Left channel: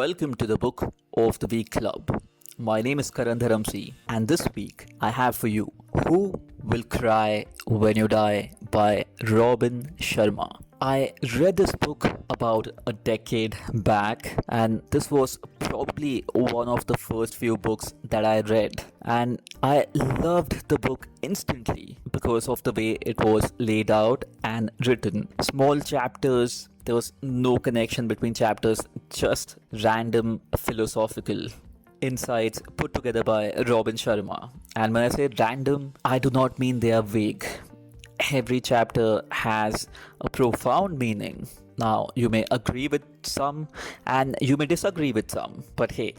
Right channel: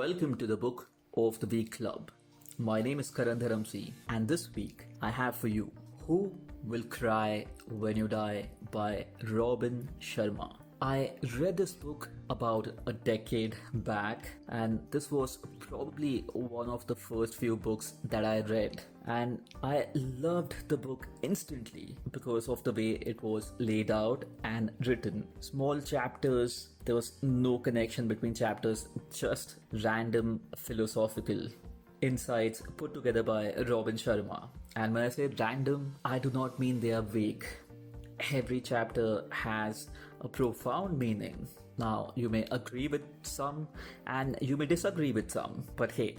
welcome to the Book of the Week Club. My name is Karan Dharamsi, and this week I have for you Who Will Cry When You Die by Robin Sharma. I read this book about a decade back, and this was probably one of the first few books that I read. And I loved the book instantly because of the way it was laid out and written. Small chapters, there was no connection between chapters, just random philosophical insights put together by Robin Sharma. And when I say random, I do not mean they are vague. Every chapter has a profound meaning. Now, you may agree with some and you may disagree with some, but hey,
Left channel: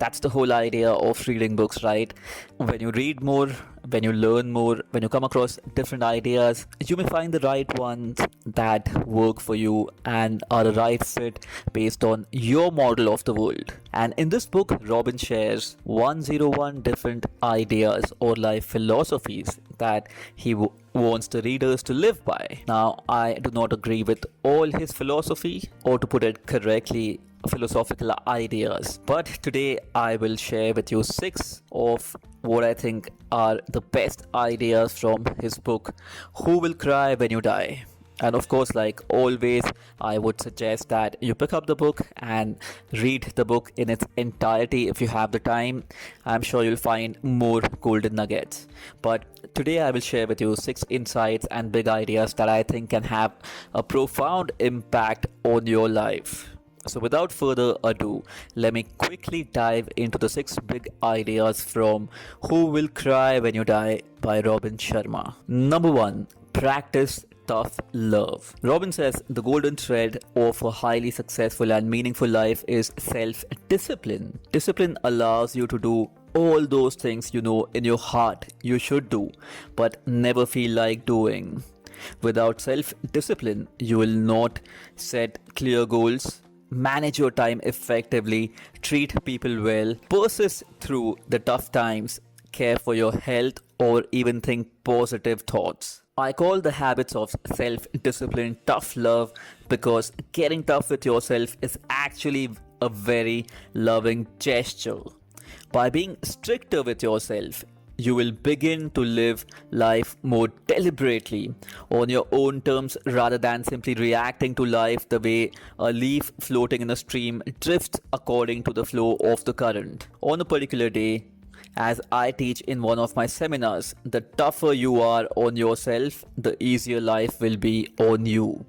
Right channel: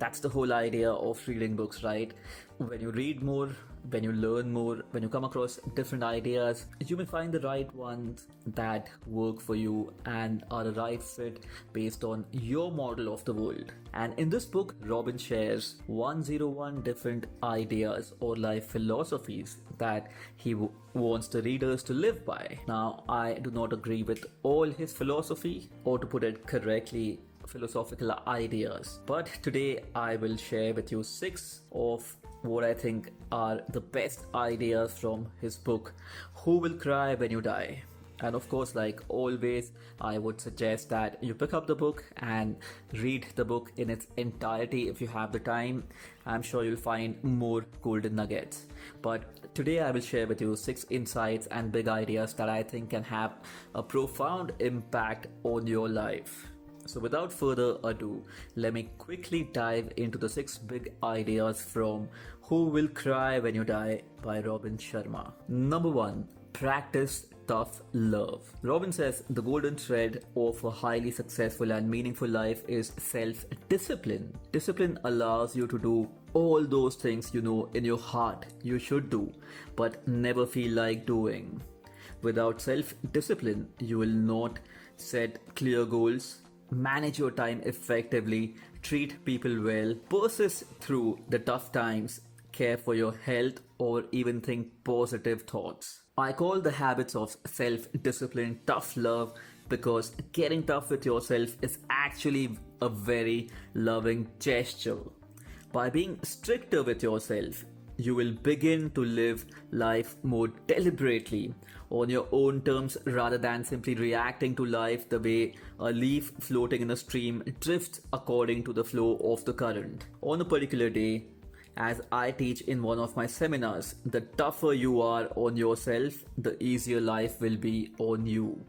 that's the whole idea of reading books, right? When you read more, when you learn more, when you come across different ideas, you may find the right ones that work for you and are a right fit based on your model of the world. And in this book, Robin shares 101 different ideas or life philosophies that he wants the readers to live by. Now, I do not agree with all his philosophy, or to put it correctly, philosophical ideas, but today I will share with you 6 of what I think are the best ideas from his book Who Will Cry When You Die. And of course, like always, I would suggest that you pick up the book and read the book in its entirety if you have the time. I'm sure you'll find more golden nuggets. But today I will share with you 6 insights and big ideas that I think can have a profound impact on your life. So without further ado, let me quickly dive into the 6 big ideas from Who Will Cry When You Die by Robin Sharma. Number 1, practice tough love. Robin says the golden thread of a highly successful and meaningful life is self-discipline. Discipline allows you to do all those things you know in your heart you should do, but never feel like doing. Without self-discipline, you will not set clear goals, manage your time effectively, treat people well, persist through the tough times, care for your health, or even think positive thoughts. I call the habits of self-discipline tough love because getting tough with yourself is actually a very loving gesture. By being stricter with yourself, you will begin to live life more deliberately on your own terms rather than simply reacting to life the way a leaf floating in a stream drifts according to the flow of the current. On a particular day, as I teach in one of my seminars, the tougher you are on yourself, the easier life will be on you.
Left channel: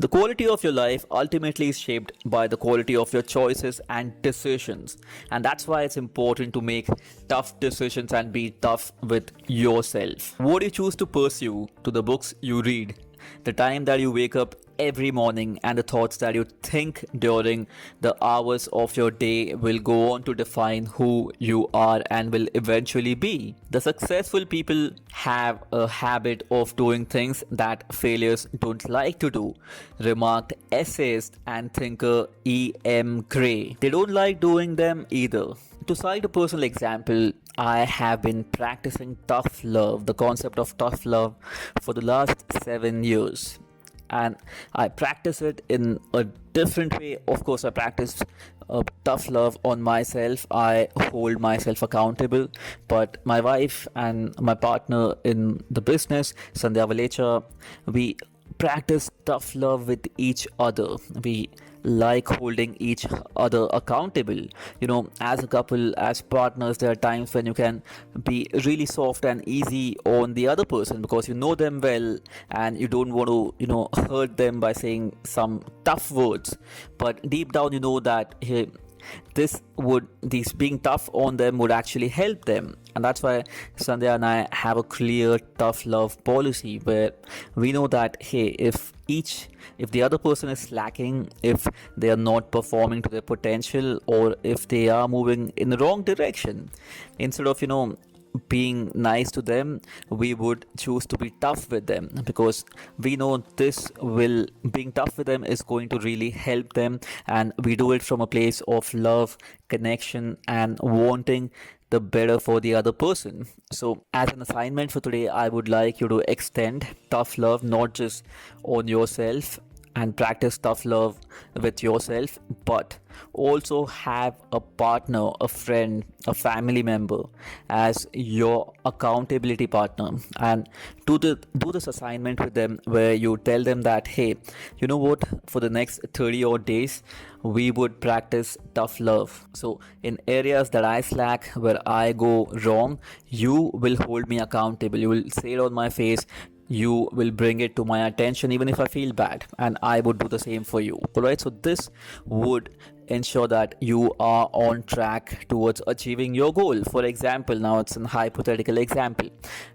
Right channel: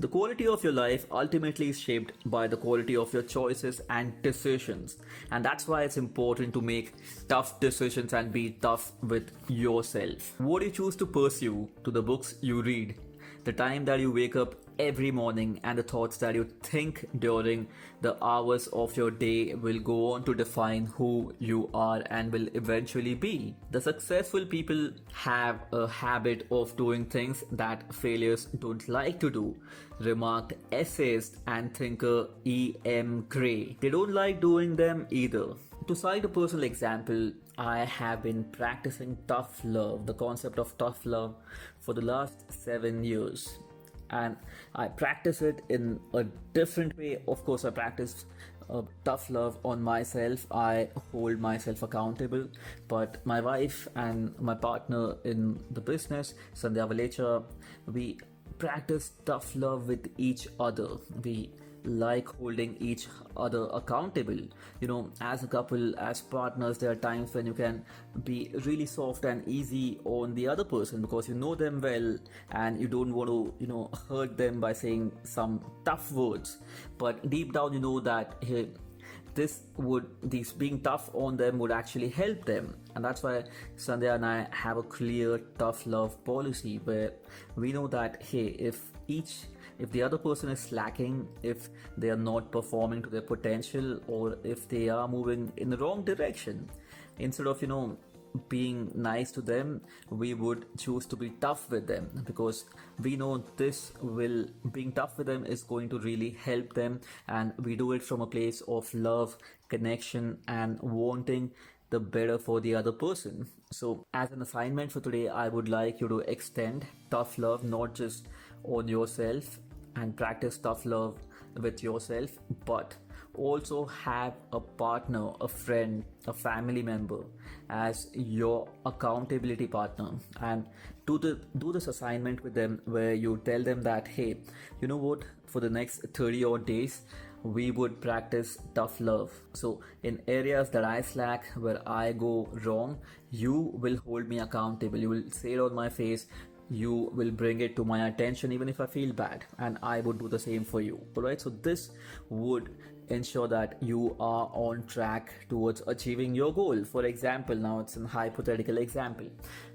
The quality of your life ultimately is shaped by the quality of your choices and decisions. And that's why it's important to make tough decisions and be tough with yourself. What you choose to pursue, to the books you read, the time that you wake up every morning, and the thoughts that you think during the hours of your day will go on to define who you are and will eventually be. The successful people have a habit of doing things that failures don't like to do, remarked essayist and thinker E.M. Gray. They don't like doing them either. To cite a personal example, I have been practicing tough love, the concept of tough love, for the last 7 years. And I practice it in a different way. Of course, I practice tough love on myself. I hold myself accountable. But my wife and my partner in the business, Sandhya Valecha, we practice tough love with each other. We like holding each other accountable. You know, as a couple, as partners, there are times when you can be really soft and easy on the other person because you know them well and you don't want to, hurt them by saying some tough words. But deep down, you know that hey, these being tough on them would actually help them. And that's why Sandhya and I have a clear tough love policy where we know that hey, if the other person is slacking, if they are not performing to their potential, or if they are moving in the wrong direction, instead of being nice to them, we would choose to be tough with them because we know being tough with them is going to really help them, and we do it from a place of love, connection, and wanting the better for the other person. So as an assignment for today, I would like you to extend tough love not just on yourself and practice tough love with yourself, but also have a partner, a friend, a family member as your accountability partner, and do this assignment with them where you tell them that, hey, you know what, for the next 30 odd days we would practice tough love. So in areas that I slack, where I go wrong, you will hold me accountable. You will say it on my face. You will bring it to my attention even if I feel bad, and I would do the same for you. All right, so this would ensure that you are on track towards achieving your goal. For example, now it's a hypothetical example.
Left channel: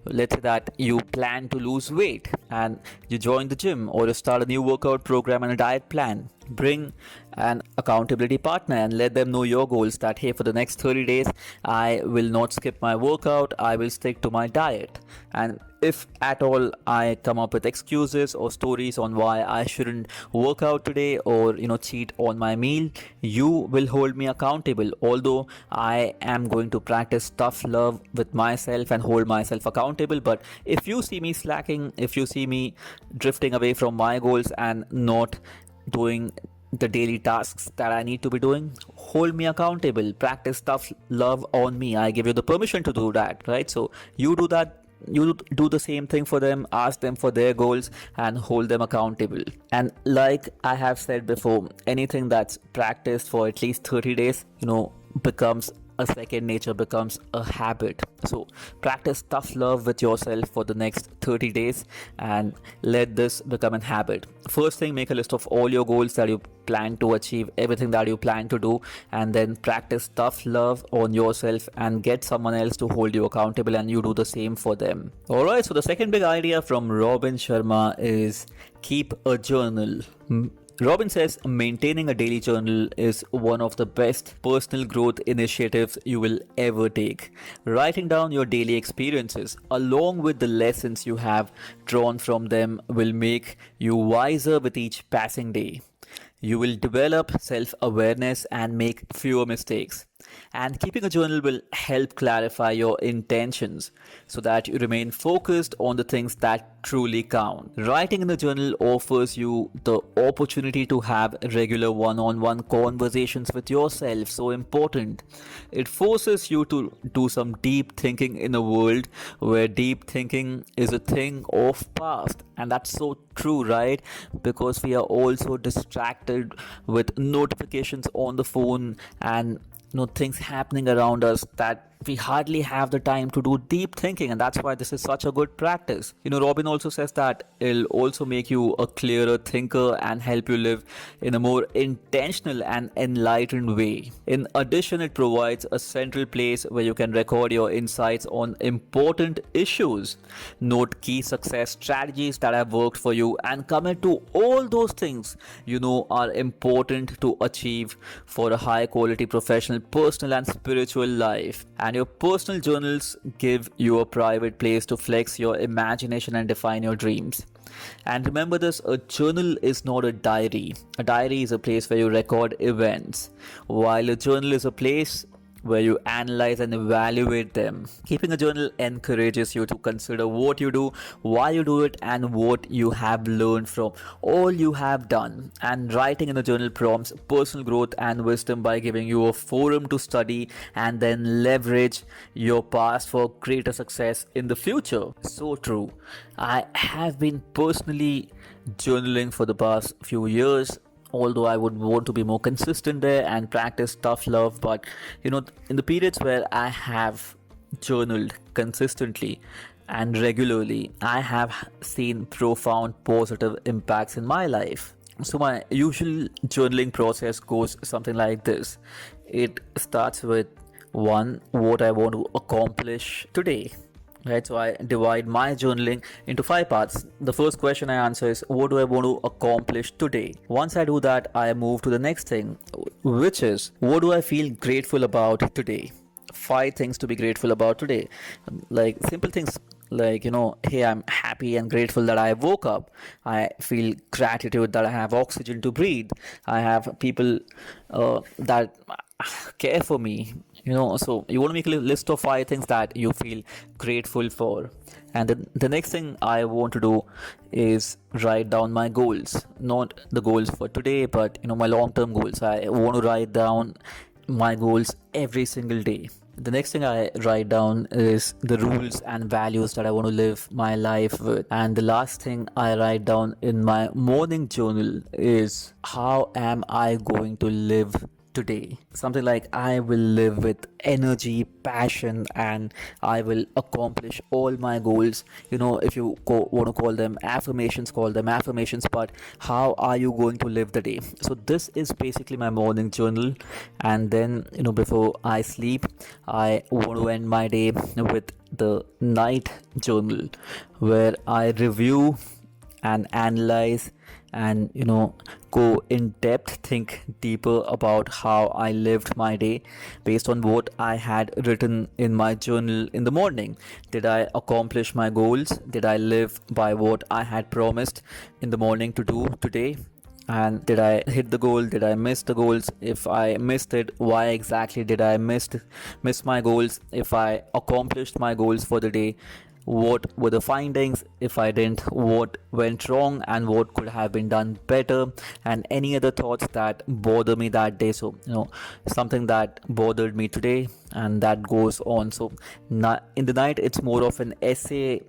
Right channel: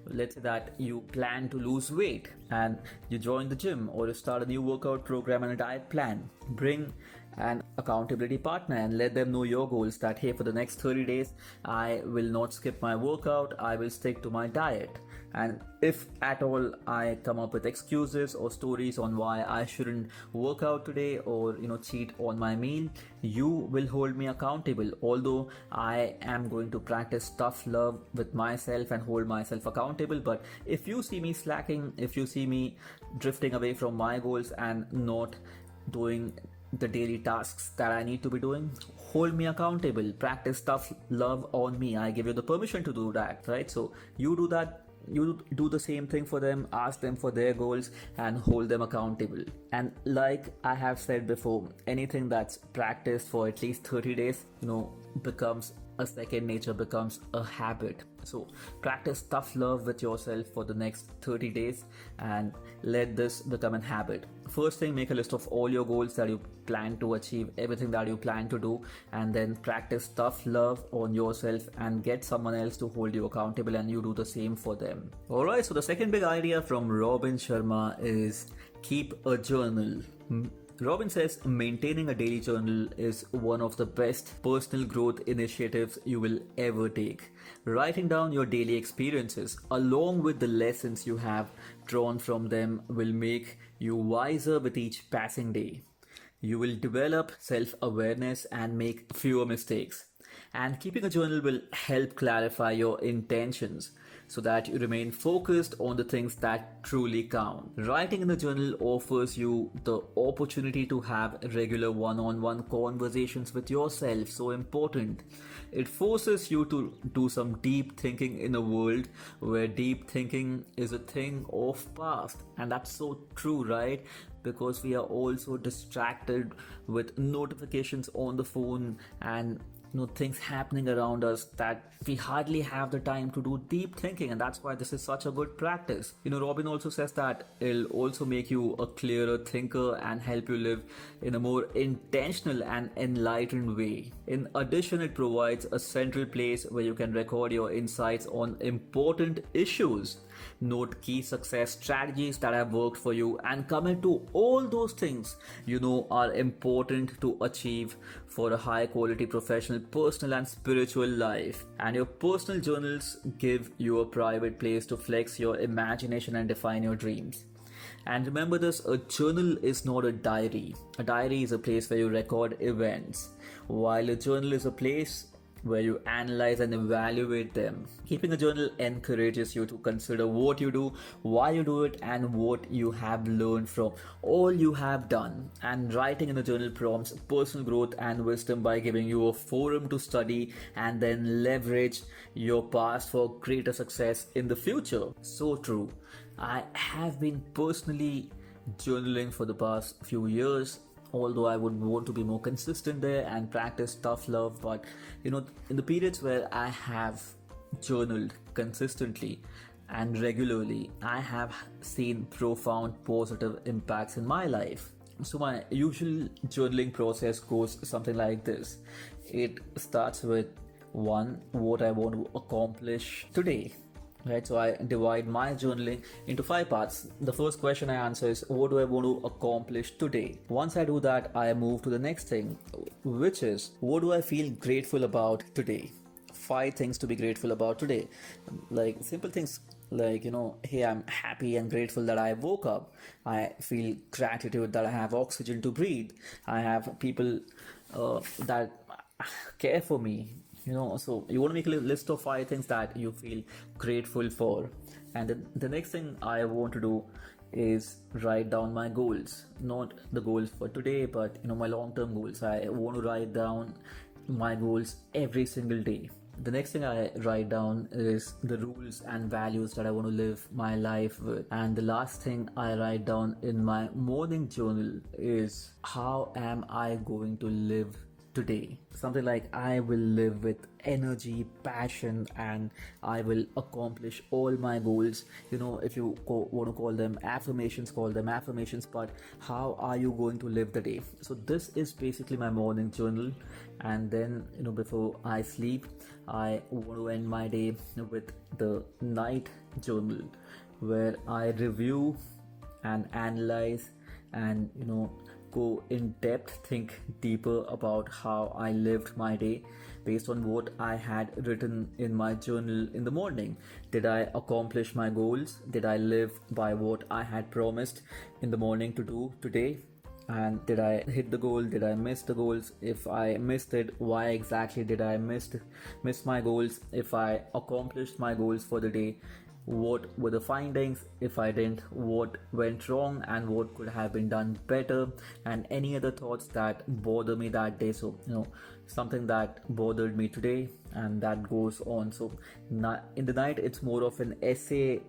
Let's say that you plan to lose weight and you join the gym, or you start a new workout program and a diet plan. Bring an accountability partner and let them know your goals, that hey, for the next 30 days I will not skip my workout, I will stick to my diet. And if at all I come up with excuses or stories on why I shouldn't work out today, or cheat on my meal, you will hold me accountable. Although I am going to practice tough love with myself and hold myself accountable, but if you see me slacking, if you see me drifting away from my goals and not doing the daily tasks that I need to be doing, hold me accountable. Practice tough love on me. I give you the permission to do that, right? So you do that. You do the same thing for them, ask them for their goals and hold them accountable. And like I have said before, anything that's practiced for at least 30 days, becomes a second nature, becomes a habit. So practice tough love with yourself for the next 30 days and let this become a habit. First thing, make a list of all your goals that you plan to achieve, everything that you plan to do, and then practice tough love on yourself and get someone else to hold you accountable, and you do the same for them. Alright, so the second big idea from Robin Sharma is keep a journal. Robin says maintaining a daily journal is one of the best personal growth initiatives you will ever take. Writing down your daily experiences along with the lessons you have drawn from them will make you wiser with each passing day. You will develop self-awareness and make fewer mistakes. And keeping a journal will help clarify your intentions so that you remain focused on the things that truly count. Writing in the journal offers you the opportunity to have regular one-on-one conversations with yourself. So important. It forces you to do some deep thinking in a world where deep thinking is a thing of past. And that's so true, right? Because we are also distracted with notifications on the phone and things happening around us, that we hardly have the time to do deep thinking, and that's why this is such a good practice. Robin also says that it'll also make you a clearer thinker and help you live in a more intentional and enlightened way. In addition, it provides a central place where you can record your insights on important issues, note key success strategies that have worked for you, and commit to all those things are important to achieve for a high quality professional, personal and spiritual life. And your personal journals give you a private place to flex your imagination and define your dreams. And remember this, a journal is not a diary. A diary is a place where you record events, while a journal is a place where you analyze and evaluate them. Keeping a journal encourages you to consider what you do, why you do it, and what you have learned from all you have done. And writing in a journal prompts personal growth and wisdom by giving you a forum to study and then leverage your past for greater success in the future. So true. I have been personally journaling for the past few years, although I would want to be more consistent there and practice tough love. But in the periods where I have journaled consistently and regularly, I have seen profound positive impacts in my life. So my usual journaling process goes something like this. It starts with one, what I want to accomplish today. Right, so I divide my journaling into 5 parts. The first question I answer is, what do I want to accomplish today? Once I do that, I move to the next thing, which is, what do I feel grateful about today? 5 things to be grateful about today. Like simple things like, hey, I'm happy and grateful that I woke up. I feel gratitude that I have oxygen to breathe. I have people that care for me. So you want to make a list of 5 things that you feel grateful for. And then the next thing I want to do is write down my goals, not the goals for today, but my long term goals. I want to write down my goals every single day. The next thing I write down is the rules and values that I want to live my life with. And the last thing I write down in my morning journal is how am I going to live today. Something like I will live with energy, passion, and I will accomplish all my goals. If you want to call them affirmations, call them affirmations, but how are you going to live the day? So this is basically my morning journal. And then before I sleep, I want to end my day with the night journal, where I review and analyze and go in depth, think deeper about how I lived my day based on what I had written in my journal in the morning. Did I accomplish my goals? Did I live by what I had promised in the morning to do today? And did I hit the goal? Did I miss the goals? If I missed it, why exactly did I miss my goals? If I accomplished my goals for the day, what were the findings? If I didn't, what went wrong and what could have been done better? And any other thoughts that bother me that day. So something that bothered me today, and that goes on. So in the night it's more of an essay,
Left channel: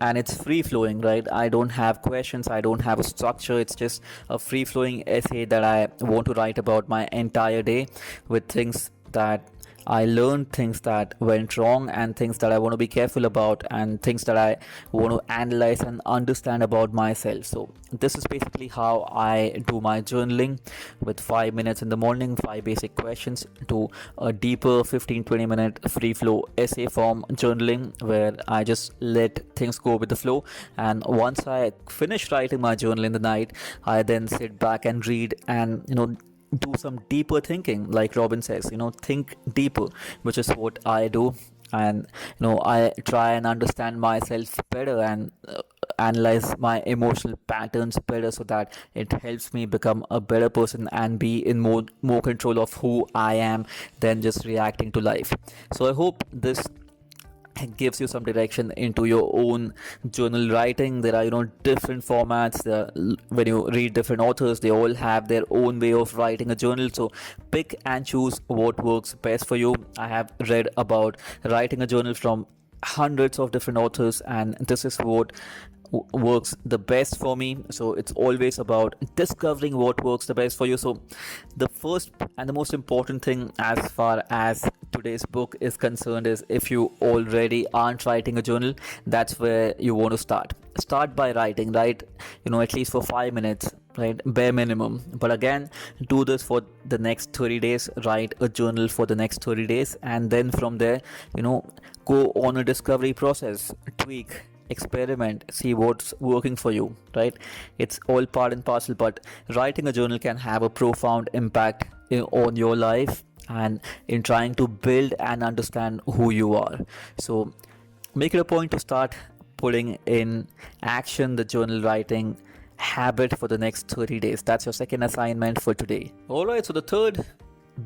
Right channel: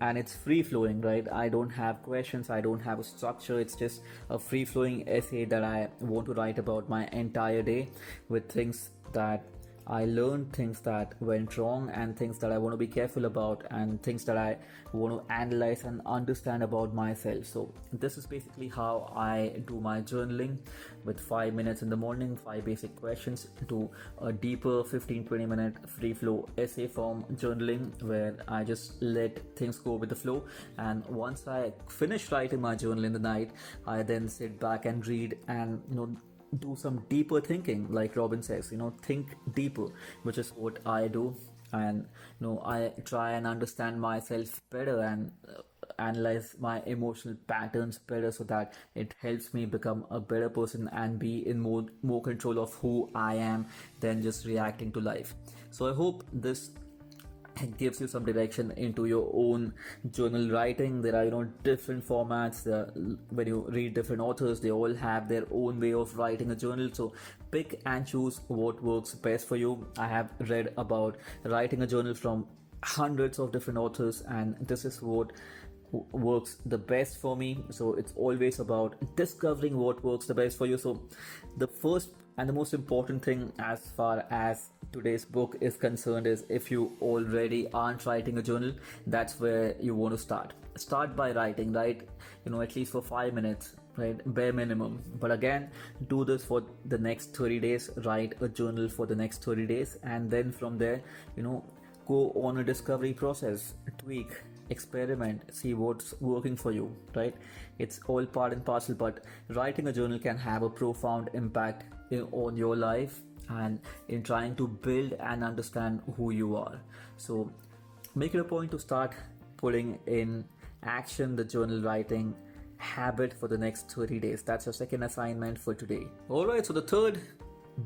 and it's free flowing, right? I don't have questions, I don't have a structure. It's just a free flowing essay that I want to write about my entire day, with things that I learned, things that went wrong, and things that I want to be careful about, and things that I want to analyze and understand about myself. So this is basically how I do my journaling, with 5 minutes in the morning, 5 basic questions, to a deeper 15-20 minute free flow essay form journaling, where I just let things go with the flow. And once I finish writing my journal in the night, I then sit back and read, and do some deeper thinking, like Robin says, think deeper, which is what I do. And I try and understand myself better, and analyze my emotional patterns better, so that it helps me become a better person and be in more control of who I am than just reacting to life. So I hope this gives you some direction into your own journal writing. There are different formats. When you read different authors, they all have their own way of writing a journal, so pick and choose what works best for you. I have read about writing a journal from hundreds of different authors, and this is what works the best for me. So it's always about discovering what works the best for you. So the first and the most important thing as far as today's book is concerned is, if you already aren't writing a journal, that's where you want to start by writing, right? At least for 5 minutes, right? Bare minimum. But again, do this for the next 30 days. Write a journal for the next 30 days, and then from there, go on a discovery process, tweak, experiment, see what's working for you, right? It's all part and parcel, but writing a journal can have a profound impact on your life, and in trying to build and understand who you are. So make it a point to start putting in action the journal writing habit for the next 30 days. That's your second assignment for today. All right, so the third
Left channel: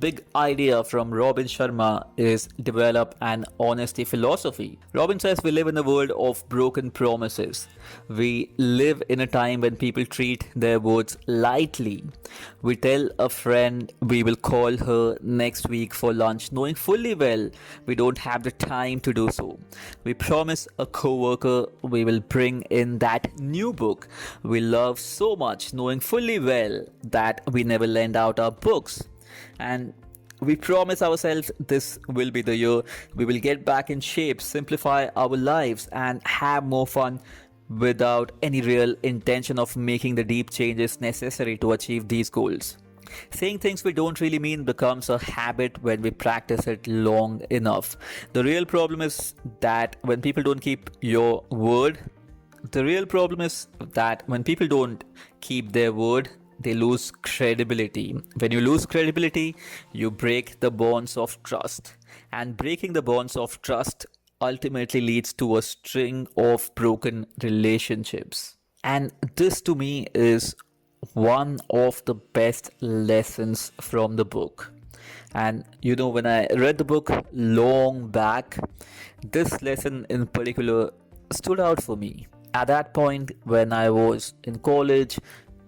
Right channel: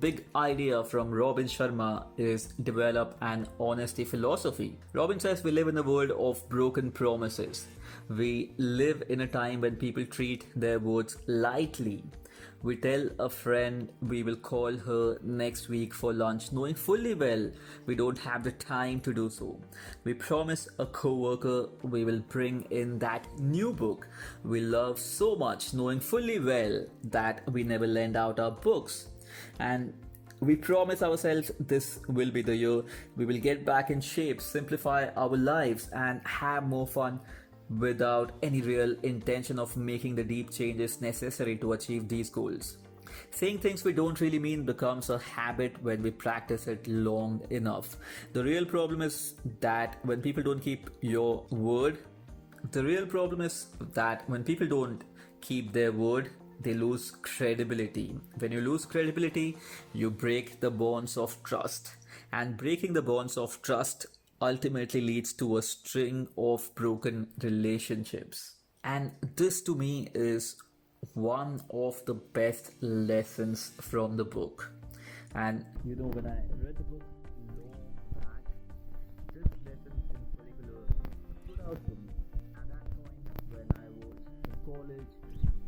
big idea from Robin Sharma is develop an honesty philosophy. Robin says we live in a world of broken promises. We live in a time when people treat their words lightly. We tell a friend we will call her next week for lunch, knowing fully well we don't have the time to do so. We promise a coworker we will bring in that new book we love so much, knowing fully well that we never lend out our books. And we promise ourselves this will be the year we will get back in shape, simplify our lives, and have more fun, without any real intention of making the deep changes necessary to achieve these goals. Saying things we don't really mean becomes a habit when we practice it long enough. The real problem is that when people don't keep your word, the real problem is that when people don't keep their word, they lose credibility. When you lose credibility, you break the bonds of trust. And breaking the bonds of trust ultimately leads to a string of broken relationships. And this to me is one of the best lessons from the book. And when I read the book long back, this lesson in particular stood out for me. At that point, when I was in college,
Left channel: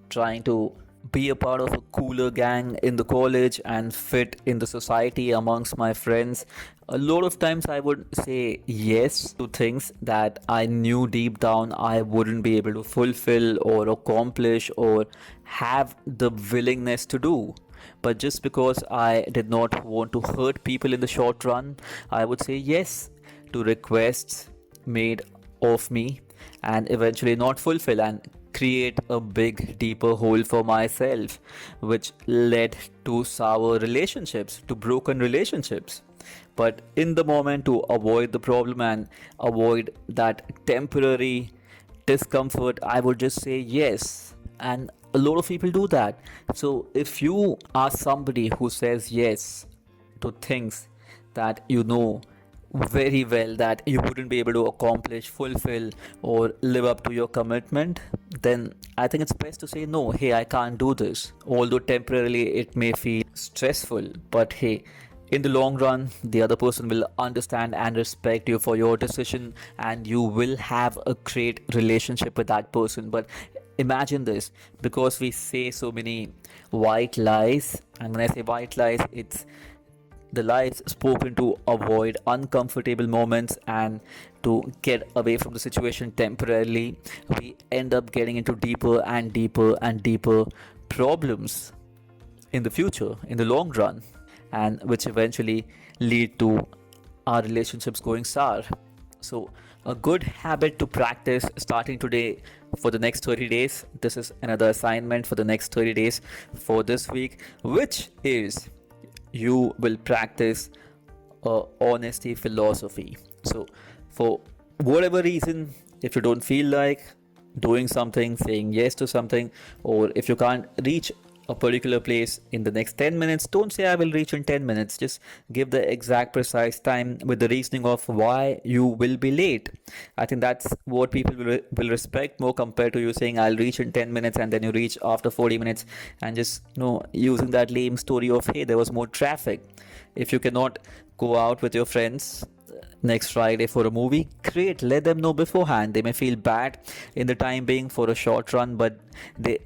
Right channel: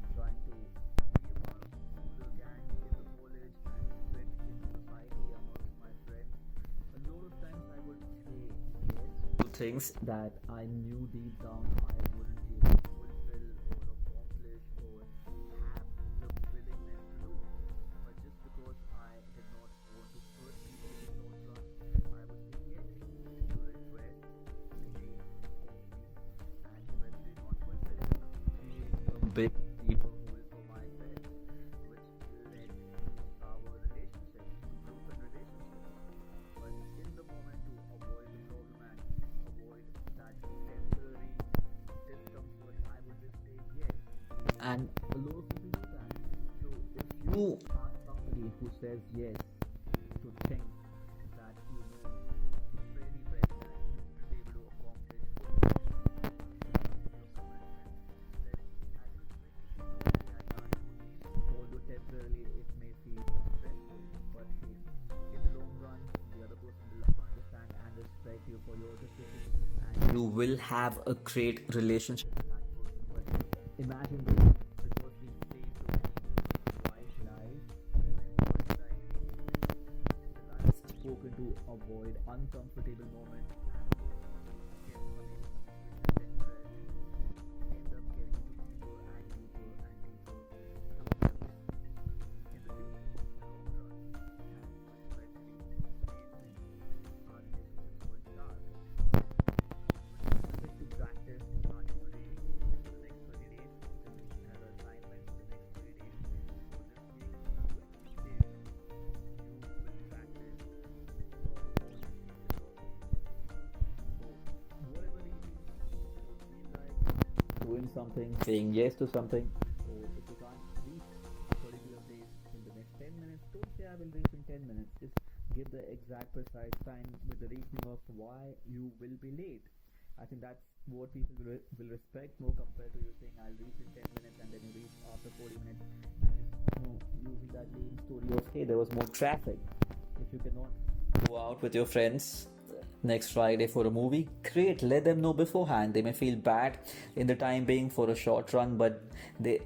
trying to be a part of a cooler gang in the college and fit in the society amongst my friends, a lot of times I would say yes to things that I knew deep down I wouldn't be able to fulfill or accomplish or have the willingness to do. But just because I did not want to hurt people in the short run, I would say yes to requests made of me and eventually not fulfill and create a big deeper hole for myself, which led to sour relationships, to broken relationships. But in the moment, to avoid the problem and avoid that temporary discomfort, I would just say yes. And a lot of people do that. So if you are somebody who says yes to things that you know very well that you wouldn't be able to accomplish, fulfill, or live up to your commitment, then I think it's best to say no. Hey, I can't do this. Although temporarily it may feel stressful, but hey, in the long run, the other person will understand and respect you for your decision, and you will have a great relationship with that person. But imagine this, because we say so many white lies, and when I say white lies, it's the lies spoken to avoid uncomfortable moments and to get away from the situation temporarily, we end up getting into deeper and deeper and deeper problems in the future, in the long run, and which eventually lead to our relationships going sour. So, a good habit to practice starting today for the next 30 days. This is another assignment for the next 30 days for this week, which is you will practice a honesty philosophy. So, for whatever reason, if you don't feel like doing something, saying yes to something, or if you can't reach a particular place in the next 10 minutes, don't say I will reach in 10 minutes. Just give the exact precise time with the reasoning of why you will be late. I think that's what people will respect more compared to you saying I'll reach in 10 minutes and then you reach after 40 minutes and just using that lame story of hey, there was more traffic. If you cannot go out with your friends next Friday for a movie, great, let them know beforehand. They may feel bad in the time being for a short run, but they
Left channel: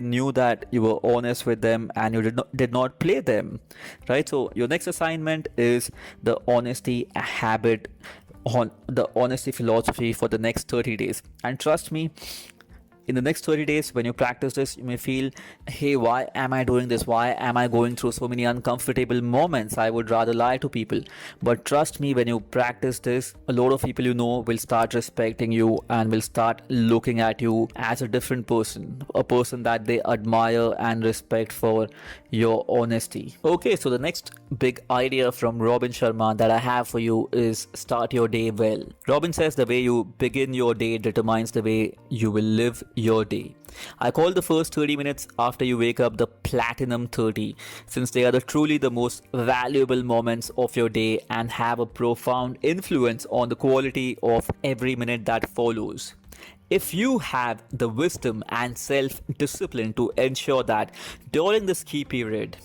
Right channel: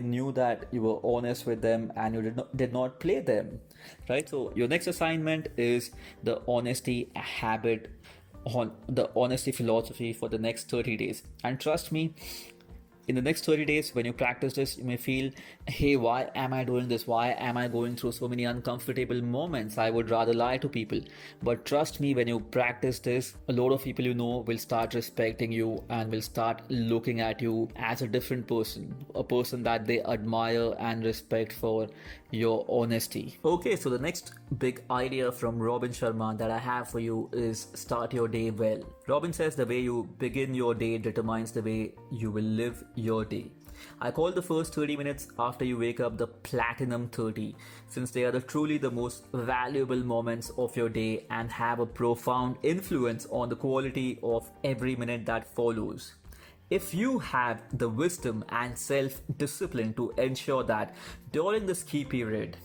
knew that you were honest with them and you did not play them, right? So your next assignment is the honesty habit, on the honesty philosophy for the next 30 days. And trust me, in the next 30 days, when you practice this, you may feel, hey, why am I doing this? Why am I going through so many uncomfortable moments? I would rather lie to people. But trust me, when you practice this, a lot of people will start respecting you and will start looking at you as a different person, a person that they admire and respect for your honesty. Okay, so the next big idea from Robin Sharma that I have for you is start your day well. Robin says the way you begin your day determines the way you will live your day. I call the first 30 minutes after you wake up the platinum 30, since they are truly the most valuable moments of your day and have a profound influence on the quality of every minute that follows. If you have the wisdom and self-discipline to ensure that during this key period,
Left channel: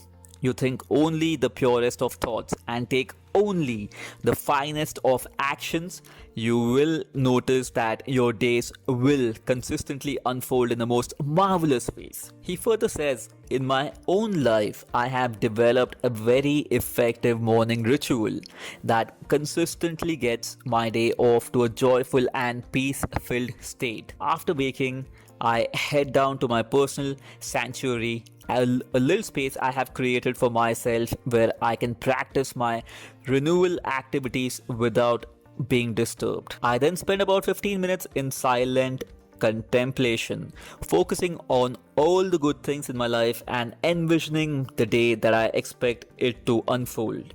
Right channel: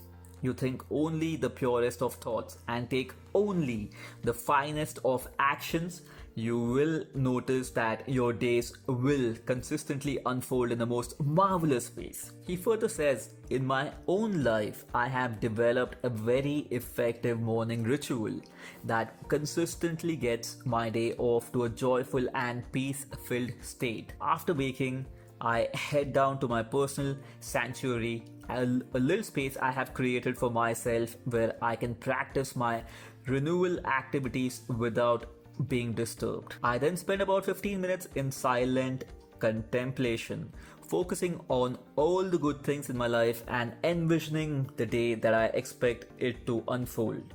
you think only the purest of thoughts and take only the finest of actions, you will notice that your days will consistently unfold in the most marvelous ways. He further says, in my own life, I have developed a very effective morning ritual that consistently gets my day off to a joyful and peace-filled state. After waking, I head down to my personal sanctuary, a little space I have created for myself where I can practice my renewal activities without being disturbed. I then spend about 15 minutes in silent contemplation, focusing on all the good things in my life and envisioning the day that I expect it to unfold.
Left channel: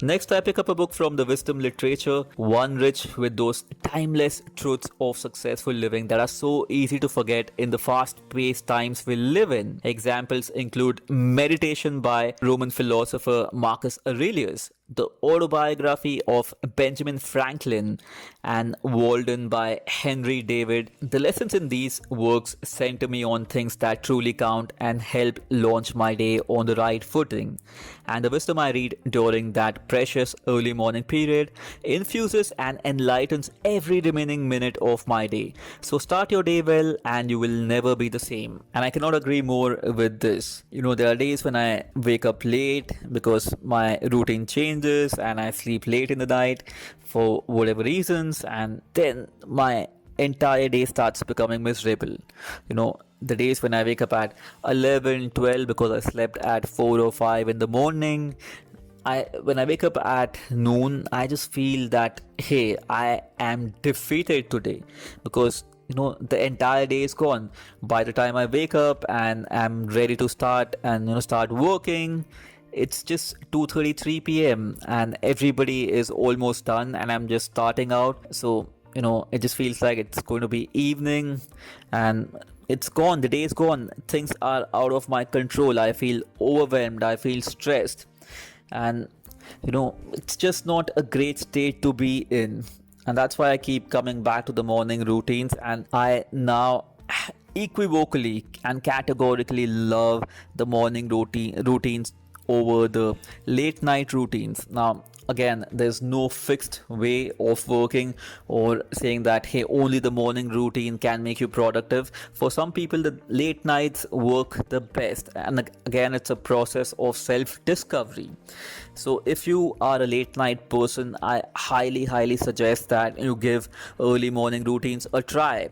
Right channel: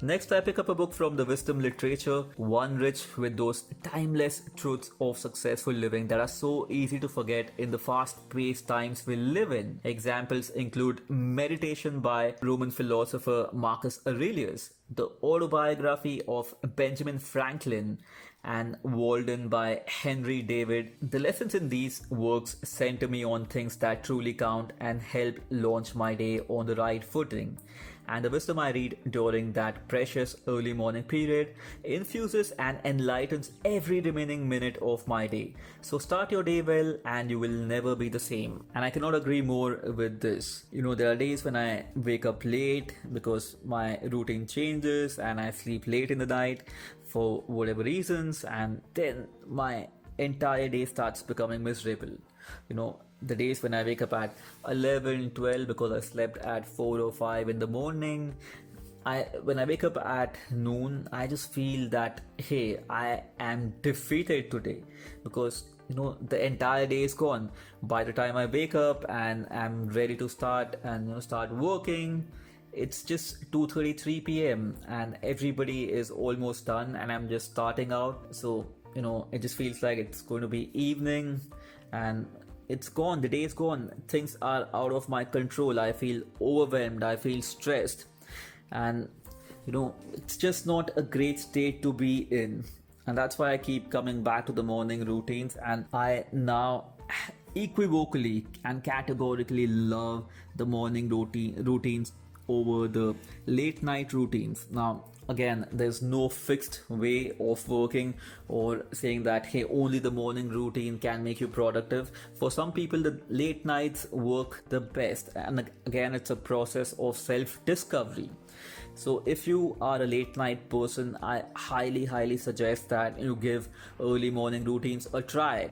Next, I pick up a book from the wisdom literature, one rich with those timeless truths of successful living that are so easy to forget in the fast-paced times we live in. Examples include Meditation by Roman philosopher Marcus Aurelius, the autobiography of Benjamin Franklin, and Walden by Henry David. The lessons in these works center me on things that truly count and help launch my day on the right footing. and the wisdom I read during that precious early morning period infuses and enlightens every remaining minute of my day. So start your day well and you will never be the same. And I cannot agree more with this. There are days when I wake up late because my routine changes and I sleep late in the night for whatever reasons, and then my entire day starts becoming miserable. The days when I wake up at 11, 12 because I slept at 4 or 5 in the morning, when I wake up at noon, I just feel that, hey, I am defeated today because the entire day is gone. By the time I wake up and I'm ready to start and start working, it's just 2:33 p.m. and everybody is almost done and I'm just starting out. So it just feels like it's going to be evening and it's gone. The day is gone. Things are out of my control. I feel overwhelmed. I feel stressed. And it's just not a great state to be in. And that's why I keep coming back to the morning routines. And I now equivocally and categorically love the morning routines over the late night routines. Now, again, there's no fixed way of working or saying that, hey, only the morning routine can make you productive. For some people, the late nights work the best. And again, it's a process of self-discovery. So if you are a late night person, I highly suggest that you give early morning routines a try.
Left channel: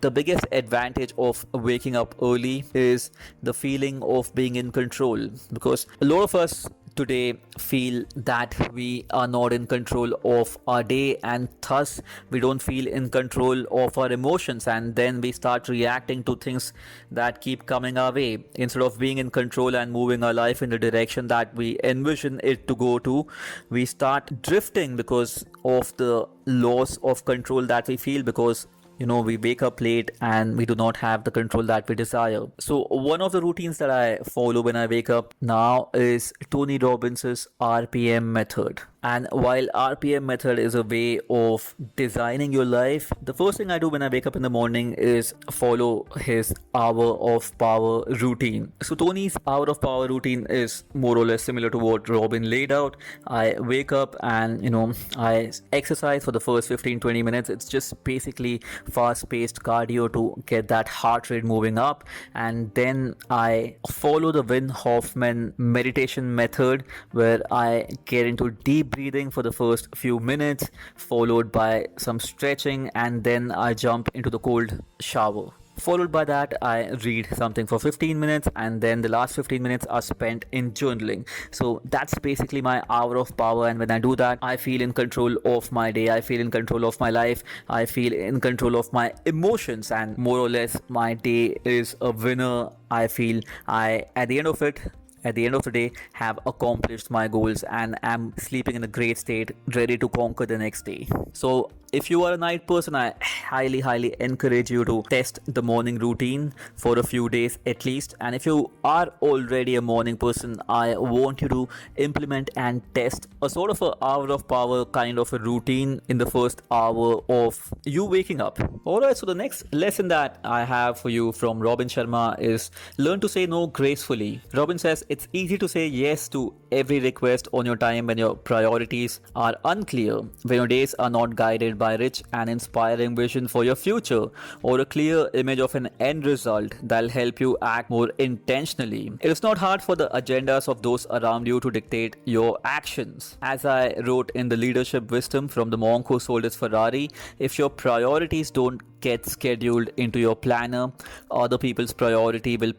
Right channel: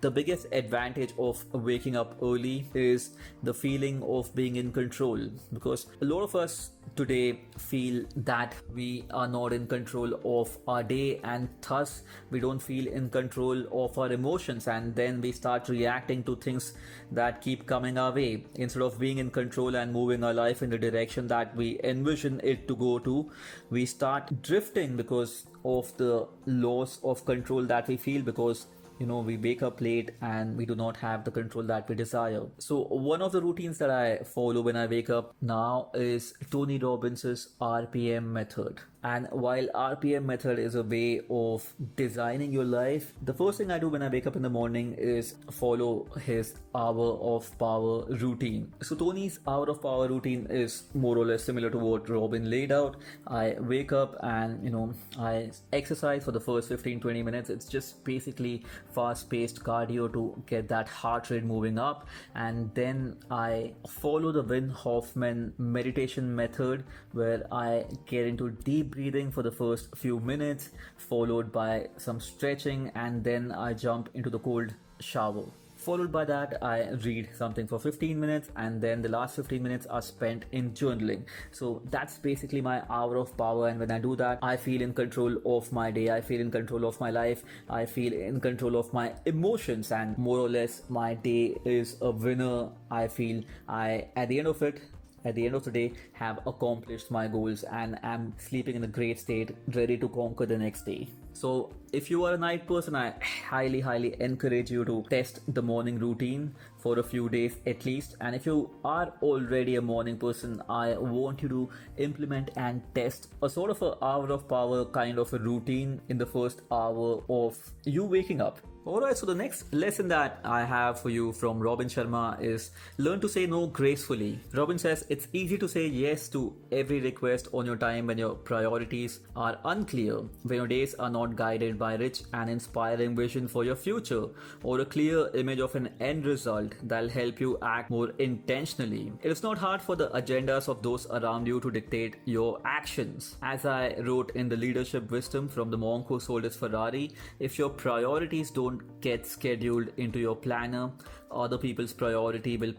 The biggest advantage of waking up early is the feeling of being in control, because a lot of us today feel that we are not in control of our day and thus we don't feel in control of our emotions, and then we start reacting to things that keep coming our way instead of being in control and moving our life in the direction that we envision it to go to. We start drifting because of the loss of control that we feel, because we wake up late and we do not have the control that we desire. So one of the routines that I follow when I wake up now is Tony Robbins' RPM method. And while RPM method is a way of designing your life, the first thing I do when I wake up in the morning is follow his hour of power routine. So Tony's hour of power routine is more or less similar to what Robin laid out. I wake up and I exercise for the first 15-20 minutes. It's just basically fast-paced cardio to get that heart rate moving up, and then I follow the Wim Hoffman meditation method where I get into deep breathing for the first few minutes, followed by some stretching, and then I jump into the cold shower. Followed by that, I read something for 15 minutes, and then the last 15 minutes are spent in journaling. So that's basically my hour of power, and when I do that, I feel in control of my day, I feel in control of my life, I feel in control of my emotions, and more or less my day is a winner. I feel at the end of the day, have accomplished my goals and am sleeping in a great state, ready to conquer the next day. So if you are a night person, I highly encourage you to test the morning routine for a few days at least. And if you are already a morning person, I want you to implement and test a sort of an hour of power kind of a routine in the first hour of you waking up. Alright, so the next lesson that I have for you from Robin Sharma is learn to say no gracefully. Robin says it's easy to say yes to every request on your time when your priorities are unclear, when your days are not guided by rich and inspiring vision for your future or a clear image of an end result that'll help you act more intentionally. It is not hard for the agendas of those around you to dictate your actions. As I wrote in the leadership wisdom from the monk who sold his Ferrari, if your priorities don't get scheduled into your planner, other people's priority will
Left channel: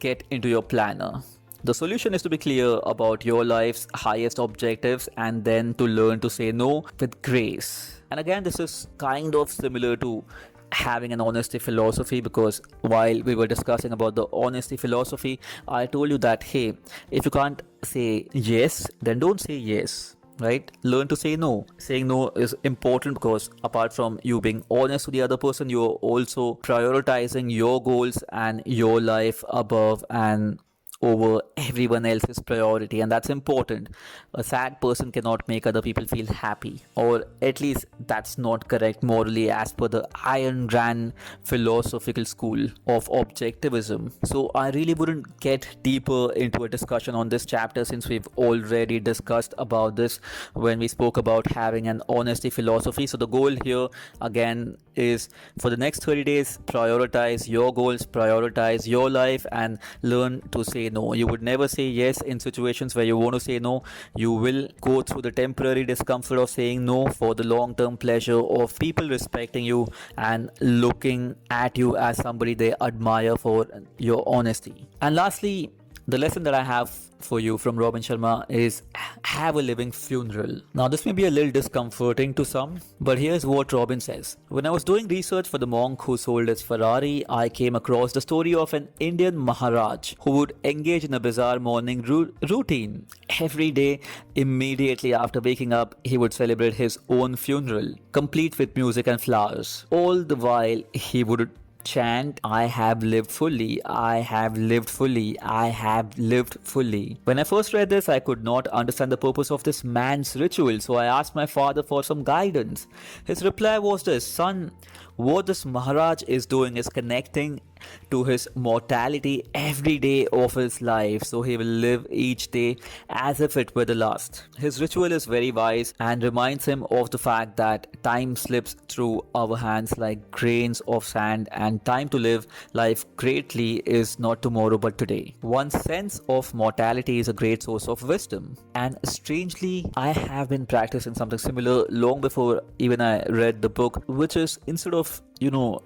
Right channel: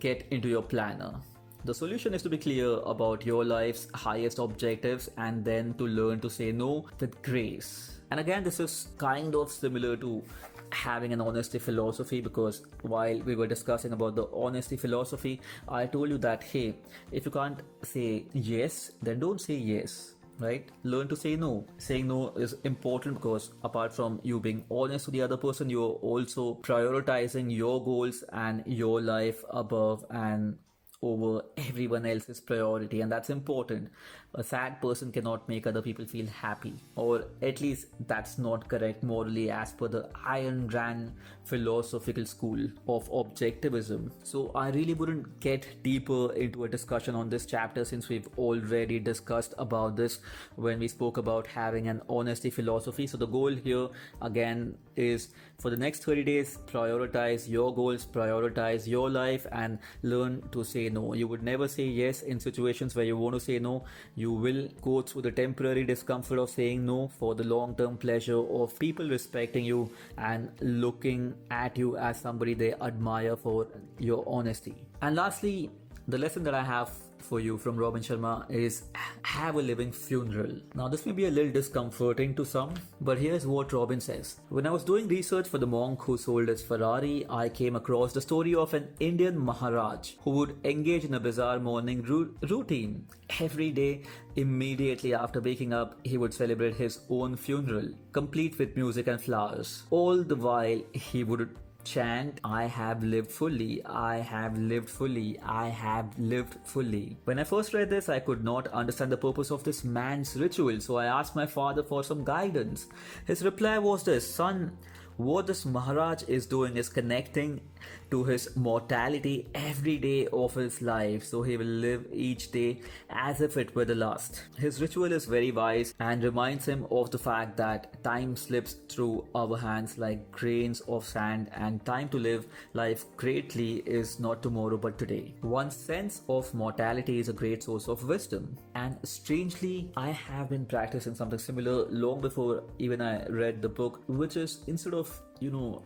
get into your planner. The solution is to be clear about your life's highest objectives and then to learn to say no with grace. And again, this is kind of similar to having an honesty philosophy, because while we were discussing about the honesty philosophy, I told you that, hey, if you can't say yes, then don't say yes. Right? Learn to say no. Saying no is important because apart from you being honest to the other person, you're also prioritizing your goals and your life above and over everyone else's priority, and that's important. A sad person cannot make other people feel happy, or at least that's not correct morally as per the Iron Rand philosophical school of objectivism. So I really wouldn't get deeper into a discussion on this chapter since we've already discussed about this when we spoke about having an honesty philosophy. So the goal here again is for the next 30 days, prioritize your goals, prioritize your life, and learn to say no. You would never say yes in situations where you want to say no. You will go through the temporary discomfort of saying no for the long term pleasure of people respecting you and looking at you as somebody they admire for your honesty. And lastly, the lesson that I have for you from Robin Sharma is have a living funeral. Now, this may be a little discomforting to some, but here's what Robin says. When I was doing research for the monk who sold his Ferrari, I came across the story of an Indian Maharaj who would engage in a bizarre morning routine. Every day, immediately after waking up, he would celebrate his own funeral, complete with music and flowers. All the while, he would chant, I have lived fully, I have lived fully, I have lived fully. When I first read this, I could not understand the purpose of this man's ritual, so I asked my father for some guidance. His reply was this: son, what this Maharaj is doing is connecting to his mortality every day of his life, so he will live each day as if it were the last. His ritual is very wise and reminds him of the fact that time slips through our hands like grains of sand, and time to live life greatly is not tomorrow but today. One's sense of mortality is a great source of wisdom, and strangely, I have been practicing something similar long before even I read the book, which is instead of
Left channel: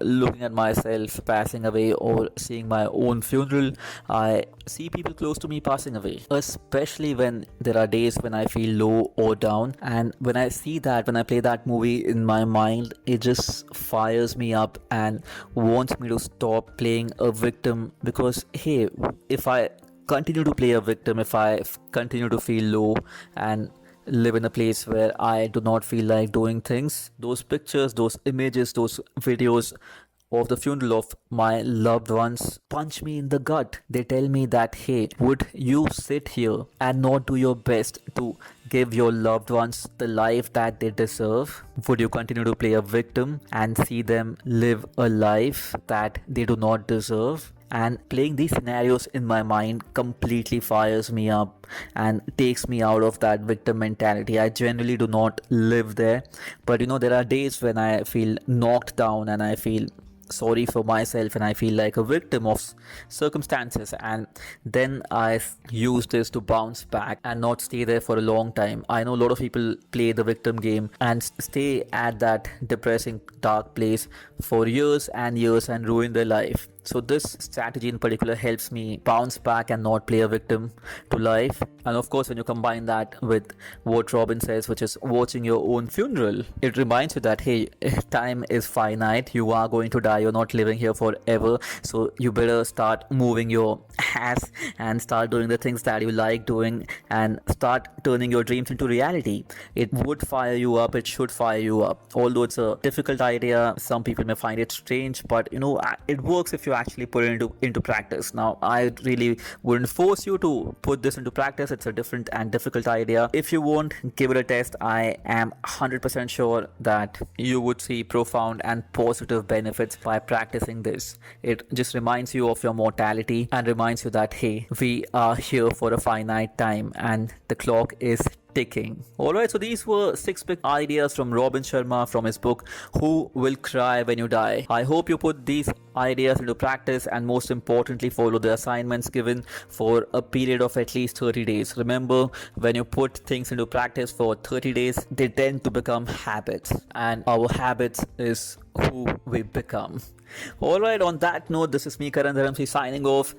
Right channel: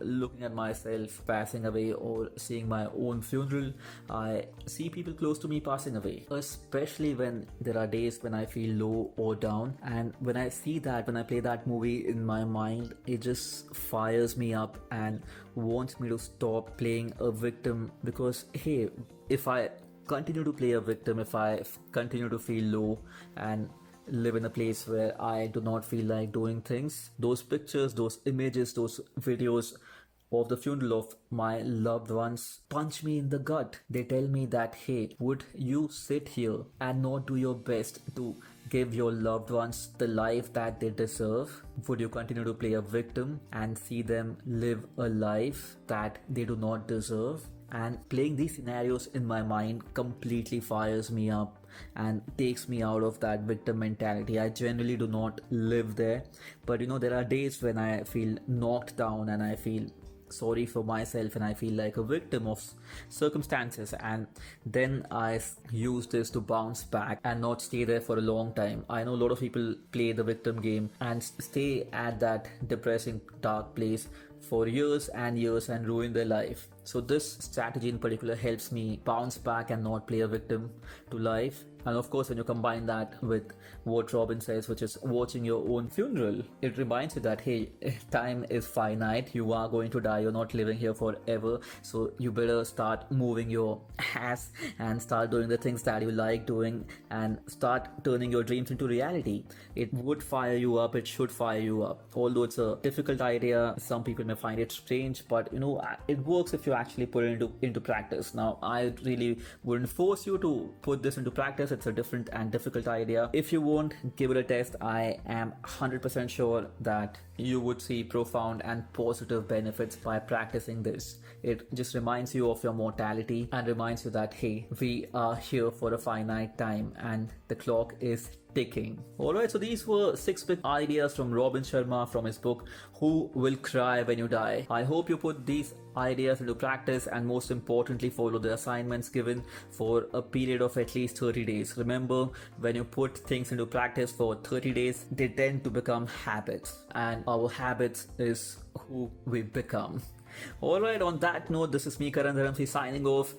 looking at myself passing away or seeing my own funeral, I see people close to me passing away, especially when there are days when I feel low or down. And when I see that, when I play that movie in my mind, it just fires me up and wants me to stop playing a victim, because hey, if I continue to play a victim, if I continue to feel low and live in a place where I do not feel like doing things, those pictures, those images, those videos of the funeral of my loved ones punch me in the gut. They tell me that, hey, would you sit here and not do your best to give your loved ones the life that they deserve? Would you continue to play a victim and see them live a life that they do not deserve? And playing these scenarios in my mind completely fires me up and takes me out of that victim mentality. I generally do not live there, but there are days when I feel knocked down and I feel sorry for myself and I feel like a victim of circumstances, and then I use this to bounce back and not stay there for a long time. I know a lot of people play the victim game and stay at that depressing dark place for years and years and ruin their life. So this strategy in particular helps me bounce back and not play a victim to life. And of course, when you combine that with what Robin says, which is watching your own funeral, it reminds you that, hey, time is finite. You are going to die. You're not living here forever. So you better start moving your ass and start doing the things that you like doing and start turning your dreams into reality. It would fire you up. It should fire you up. Although it's a difficult idea, some people may find it strange, but it works if you actually put it into practice. Now, I really wouldn't force you to put this into practice. It's a different and difficult idea. If you won't, give it a test. I am 100% sure that you would see profound and positive benefits by practicing this. It just reminds you of your mortality and reminds you that, hey, we are here for a finite time and the clock is ticking. Alright, so these were 6 big ideas from Robin Sharma from his book, Who Will Cry When You Die. I hope you put these ideas into practice and most importantly follow the assignments given for a period of at least 30 days. Remember, when you put things into practice for 30 days, they tend to become habits, and our habits is who we become. Alright, on that note, this is me, Karan Dharamsi, signing off.